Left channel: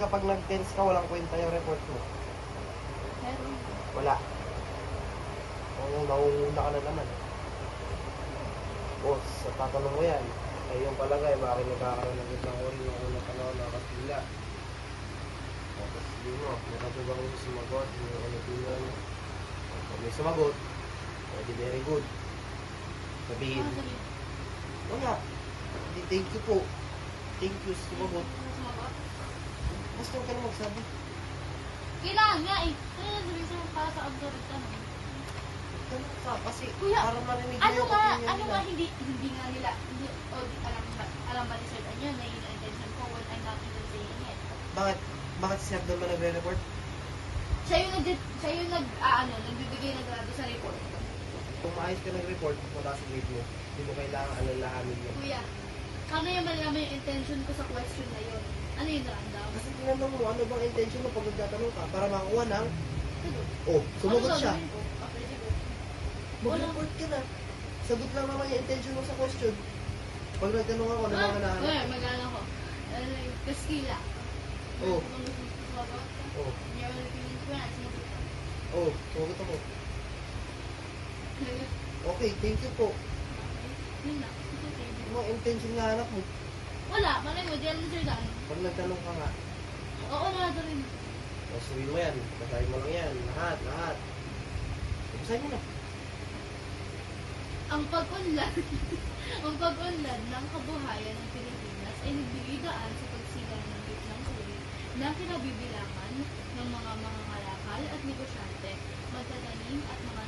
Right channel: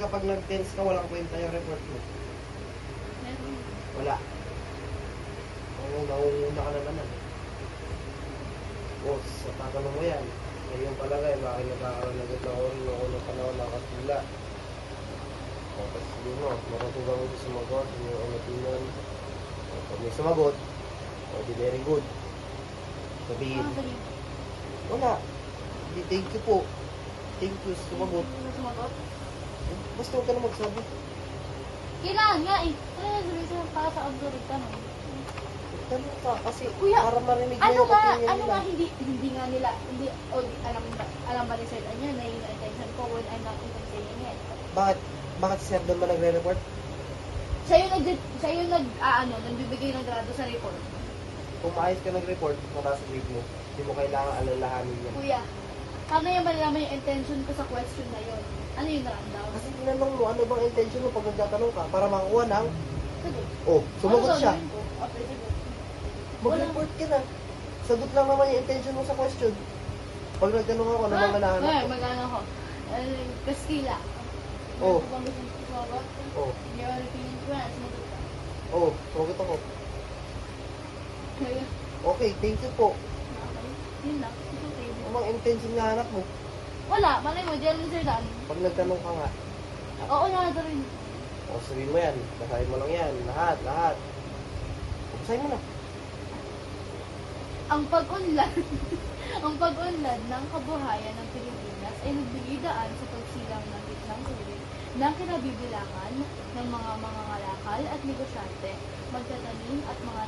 Kapag nag-tense ka, walang kwenta yung report mo. Meron. Wala. Nangunguna ka na naman. Boss, sa tatanong mo yan. Ay yung palagay, bakit nagkakaroon ng good na orin yung unang panahon ng kapila. Tapos sabihin mo, meron ko gawin sumagot, yung opinion. Pag may sumagot, di very good. Sabihin, wala. Hindi, thank you po. Thank you, sumagot. Basta huwag ka na magsabi. Kailangan nga eh. Kailangan nyo para sa algorithm. Tanong ka, kasi Kuya, para marinig mo ano yung nga, opinion ano nila. nga hindi nga nila, hindi, o di, alam ba ni Sir Anyo na yung attention ko when I'm not even taking it. Bakit si Sir doon ba nagre-report? Siya yung nagbibigay ng grado sa report. Kung maayos ka nag-report, mataas ang grade mo. Hindi mo kailangan alalahanin yun. Kuya, paano yung malalaman yung intention ko sa question na yun? Ano yung rundown? Kasi tinanong mo, ano bang intention mo pag nagtatanong ka para makakuha ng... Oh, sumagot siya. Ano gagawin ko after the report? Mag-report ka na. Sagot lang naman yung intention mo sa question. Pag nagtanong ako, ano bang hanahanap? Well, mag-ano ko. Kaskila. Oh. Ano bang gusto mo sumagot? Oh, Meron tingin ko yan. oh, sumagot ako. Kaya, Okay, thank you po. yun na. Okay. Ano bang intention nga hanap mo? Wala, malay mo, dyan Sir Dan. Pag nagtanong ka nga, Oo, nada rin. o sabihin mo yan, basahin mo lang yan, lahat. Basahin mo na. Ang pag-unlad, ang pag-unlad ng kabuhayan ng Pilipinas ay nagbigay daan sa pagsilang ng gitnang tubig ng kinabibilangan ng mga mangangalakal at negosyante, magtatanim at mga